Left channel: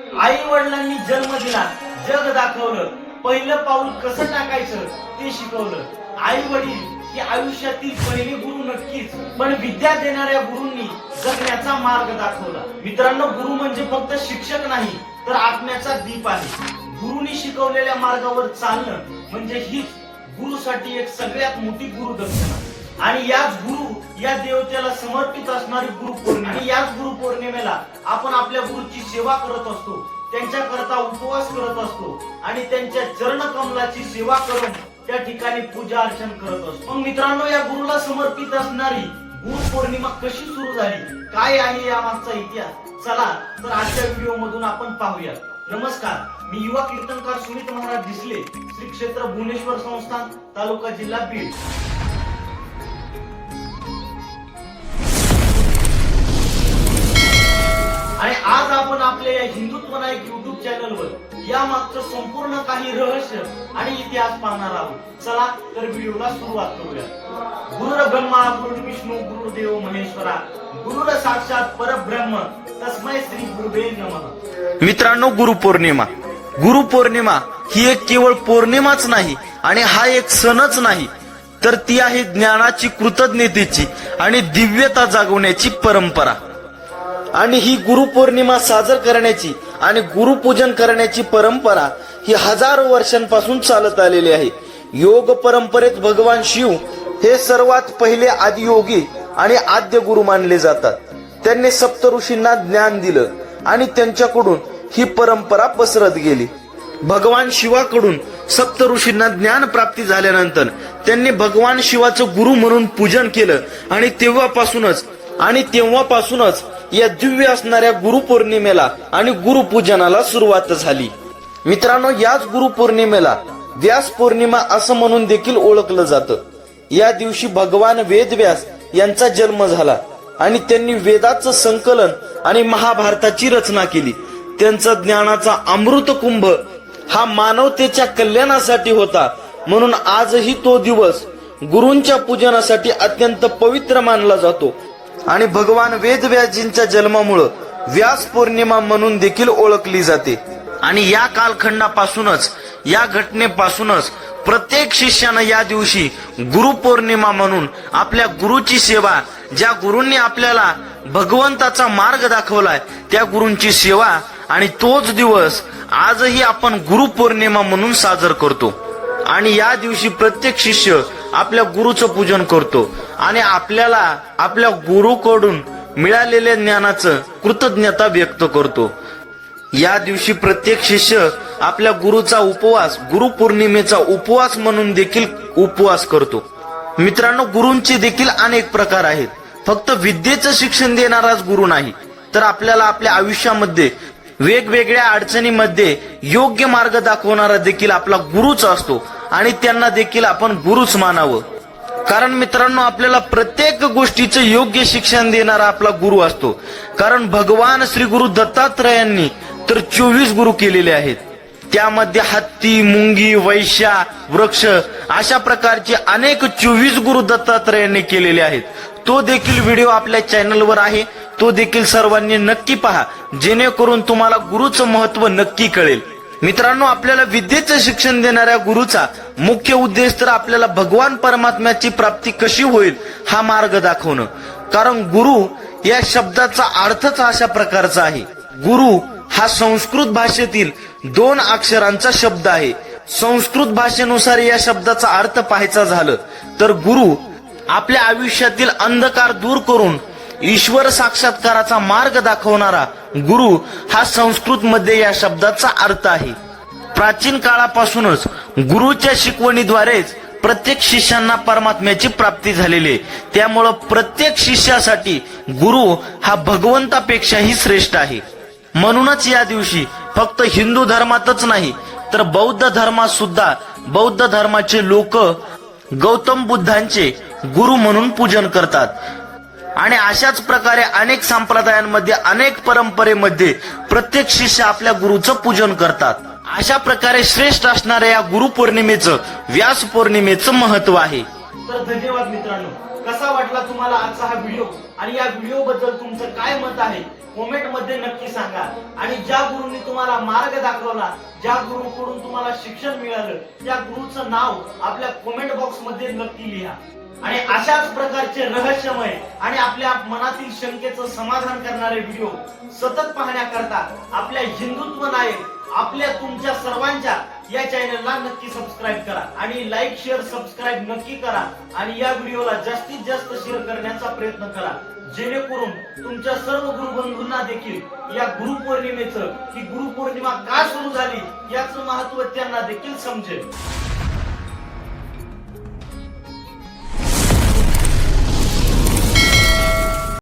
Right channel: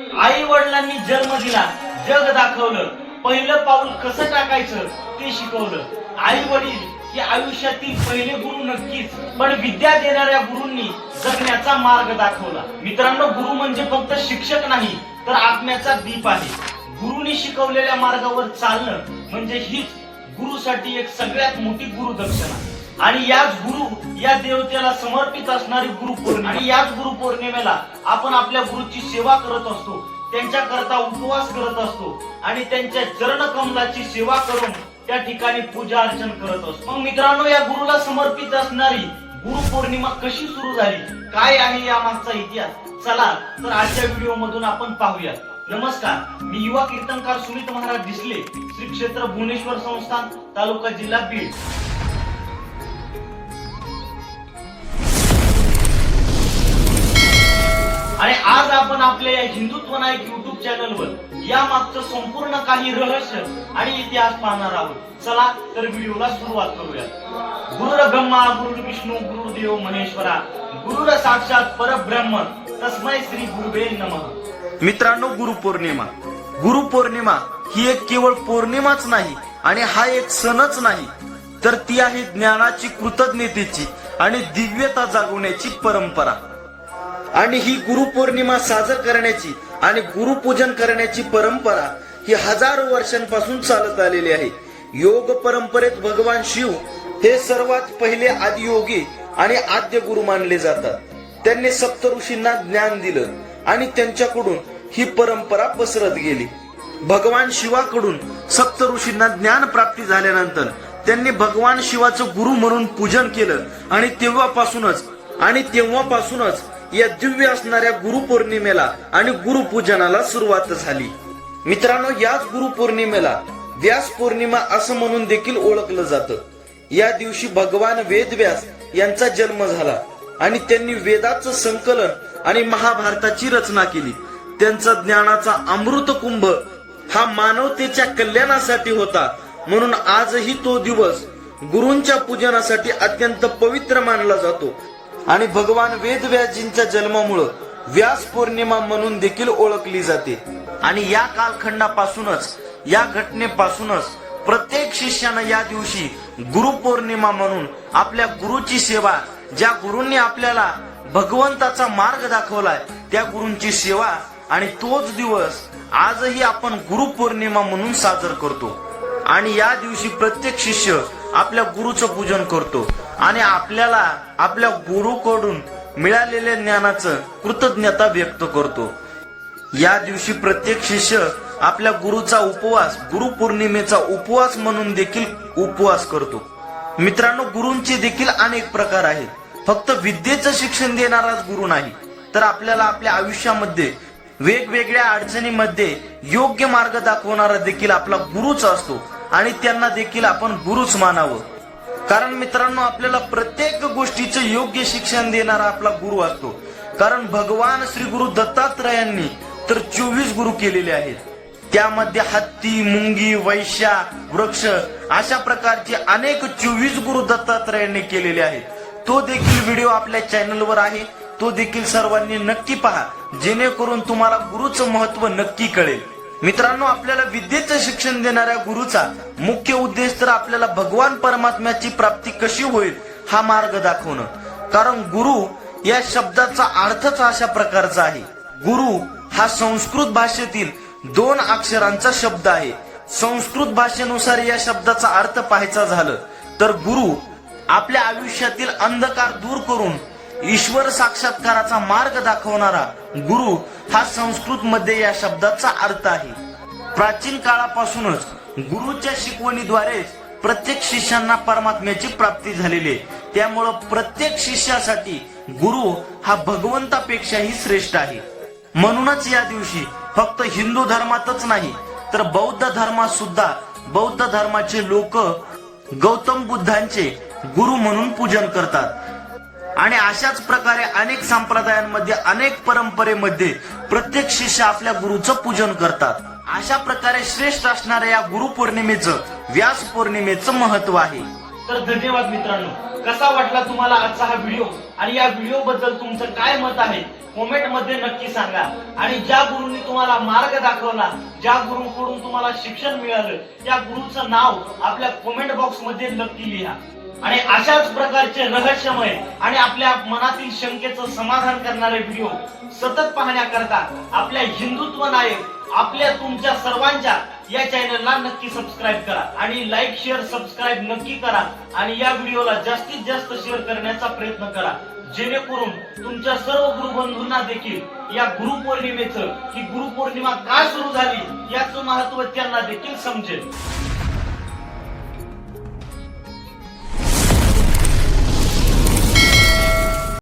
आई वडिलांनी जन्म दिला जग दाखवलं. पहिलं पाऊल कसं टाकायचं ते शिकवलं. आई वडील हे आयुष्यातील पहिले गुरु नक्कीच पण विद्या देणाऱ्या गुरुंनी जगण्याचा मार्ग दाखवला. मित्रांनो गुरु म्हणजे फक्त शिक्षक नाही तर आत्म्याचा दीप आहे. गुरुनी शिकवलेल्या मार्गावर चालणं म्हणजे हीच गुरुसाठी एक सगळ्यात मोठी गुरुदक्षिणा आणि याच गुरु या देवतेला समर्पित असणारी गुरु पौर्णिमा. आणि याच गुरु पौर्णिमेला आपण आपल्या गुरुची सेवा करत असतो. त्यांच्या करता उपवास करत असतो. आणि त्यांच्या चरण कमलाची सेवा करून त्या ठिकाणी पूजा अर्चन करत असतो. मग मित्रांनो या गुरुला समर्पित असणारी गुरु पौर्णिमा कशी सुरू झाली? काय आहे या मागचा इतिहास? चला तर आजच्या व्हिडिओ मधून आपण पाहूया. नमस्कार मी युवा कीर्तनकार सुनीत महाराज दिसले श्री क्षेत्र भुवनेश्वर संस्थान तालुका जिल्हा बीड. आज आपण आपल्या या हिंदुत्व नायक युट्यूब चॅनलवर या मागचं संपूर्ण काही रहस्य आणि इतिहास पाहणार आहोत. चला तर व्हिडिओला सुरुवात करूया. गुरुर ब्रह्मा गुरु विष्णू गुरुदेव महेश्वरा गुरुर साक्षात परब्रह्म तस्मय श्री गुरुवे नम. मित्रांनो गुरुपौर्णिमा गुरुपौर्णिमा ही एक केवळ पौर्णिमाच नाही आणि हा एक सणच नाही तर ती आहे ज्ञानाची कृतज्ञतेची आणि दिव्यता जागवण्याची परंपरा. आणि ही गुरुपौर्णिमा साजर करण्याची आणि गुरुपूजन करण्याची परंपरा ही हजारो वर्षांपासून चालत आलेली आहे. योग परंपरेत भगवान शिव हे सर्वात पहिले आदियोगी आणि आद्य गुरु मानले जातात. त्यांनी सप्त ऋषींना ज्ञान दिलं आणि त्यांच्याकडून ही परंपरा पसरत गेली. भगवान शिवाकडून सप्त ऋषींना ज्ञान प्राप्ती झाल्यानंतर त्यांनी भगवान शिवाचं गुरु म्हणून पूजन केलं आणि तेव्हापासूनच आणि तेव्हापासूनच या दिव्य असणाऱ्या गुरुपौर्णिमेला आणि गुरुपूजनाला सुरुवात झाली. मित्रांनो याच गुरुपौर्णिमेला व्यास पौर्णिमा असं म्हणून देखील ओळखलं जातं. या दिवशी भगवान वेदव्यास यांचा जन्म झाला आणि त्यांनी वेदाचं संकलन आणि महाभारताची रचना केली. त्यांचा ज्ञानाचा अमृत कुंभ हा मानवतेच्या कल्याणासाठी होता. म्हणून आजही तो दिवस गुरूंच्या पूजनासाठी अत्यंत पवित्र मानला जातो. आणि भगवान वेदव्याजींच्या जन्मामुळं व्यास पौर्णिमा म्हणून देखील ओळखली जाते. आणि या कालखंडापासूनच या घटनेपासूनच प्रत्येक शिष्यानं या दिवशी गुरुपौर्णिमा म्हणून आपल्या गुरुची सेवा ज्या गुरूंनी आपल्याला भगवंताचा मार्ग दाखवलाय त्या गुरूंची सेवा आणि तोच दिवस आजही आपण गुरुपौर्णिमा म्हणून साजर करतो. आणि या दिवशी प्रत्येक शिष्य आपल्या गुरुचं पूजन करतो. आणि आपल्याला आपल्या गुरुकडून मिळालेल्या ज्ञानाचं कृतज्ञता व्यक्त करतो. या दिवशी प्रत्येक शिष्य आपल्या गुरुचा उपवास गुरुपौर्णिमेचा उपवास म्हणून देखील उपवास करतो. मित्रांनो गुरूंचे देखील अनेक प्रकार आहेत. फक्त विद्येचं शिक्षण देणाराच गुरु नाही तर आपल्याला आपल्या आयुष्यामध्ये वेगवेगळ्या अडचणीमध्ये योग्य मार्ग दाखवणारा देखील आपला गुरुच असतो आणि त्यांना देखील आपण गुरुच मानावं. कारण मित्रांनो आपल्याला प्रत्येक गोष्टीचं योग्य शिक्षण देणारा आपला गुरु असतो. कारण भगवान श्री गुरु दत्तात्रयांनी तर चोवीस गुरु केलेले आहेत. त्यामध्ये हत्ती मुंगी वैश्या वृक्ष अशा प्रकारचे अनेक चोवीस गुरु दत्तात्रयांनी केलेले आहेत. तो देखील व्हिडिओ आपल्या चॅनलवर आहे. तो देखील सर्वांनी नक्की पहा. जेणेकरून तुम्हाला गुरुचं महत्त्व नक्की कळेल. मित्रांनो आपल्याला विद्येचं शिक्षण देणाऱ्या गुरुचा मुख्य उद्देश तर आपल्याला भगवान परमात्म्याची प्राप्ती कशी होईल हा मार्ग दाखवणं. कारण गुरु या शब्दाचा अर्थच अशा प्रकारचा आहे. गुरु हा संस्कृत भाषेतील दोन अक्षरांचा शब्द आहे. संस्कृत भाषेनुसार या शब्दाचा अर्थ पाहायचा झालं तर गुरु आपल्या आयुष्यातील अंधकार दूर करून ईश्वर साक्षात्काराचा मार्ग दाखवणारा गुरु हा संस्कृत मध्ये या शब्दाचा अर्थ आहे. प्राचीन काळापासूनच गुरुच्या शिकवणीद्वारेच प्रत्येक शिष्यांना परमात्म्याची प्राप्ती झालेली आहे. त्यामुळं प्रत्येक शिष्यासाठी गुरु हा भगवंतापेक्षाही श्रेष्ठ आहे. म्हणूनच या दिवशी फक्त हिंदू धर्मातच नाही तर बौद्ध धर्मात सुद्धा बौद्ध धर्माचे लोक गौतम बुद्धांचे गुरु म्हणून पूजन करतात. आणि अशाच प्रकारे अनेक संप्रदायांमध्ये अनेक परंपरेमध्ये प्रत्येक शिष्य आपल्या गुरुचं पूजन करतात. अशा प्रकारे श्रेष्ठ असणाऱ्या या गुरुपौर्णिमेचं व्यास पौर्णिमेचं महत्त्व आहे. तर धन्यवाद मित्रांनो. कसा वाटला तुम्हाला आजचा हा व्हिडिओ? आणि या व्हिडिओ बद्दल तुमचं काय मत आहे? कॉमेंटमध्ये नक्की सांगा. आणि ज्या गुरुंनी तुम्हाला मार्ग दाखवला ज्या गुरुकडून तुम्हाला शिक्षण मिळालं त्या गुरुचं नाव आपल्या कॉमेंट बॉक्समध्ये नक्की लिहा. आणि अशाच प्रकारचे रहस्यमय आणि आपल्या मनातील शंकेचं समाधान करणारे व्हिडिओ सतत पाहण्याकरता आपल्या हिंदुत्व नायक आपल्या तुमच्या सर्वांच्या या चॅनलला नक्की सबस्क्राईब करा आणि लाईक शेअर सबस्क्राईब नक्की करा आणि या व्हिडिओला जास्तीत जास्त शेअर करण्याचा प्रयत्न करा. जेणेकरून तुमच्या सर्व गुरुबंधूंना देखील या गुरुपौर्णिमेचं ही गुरुपौर्णिमा का सुरू झाली याचं महत्त्व त्यांना देखील समजेल.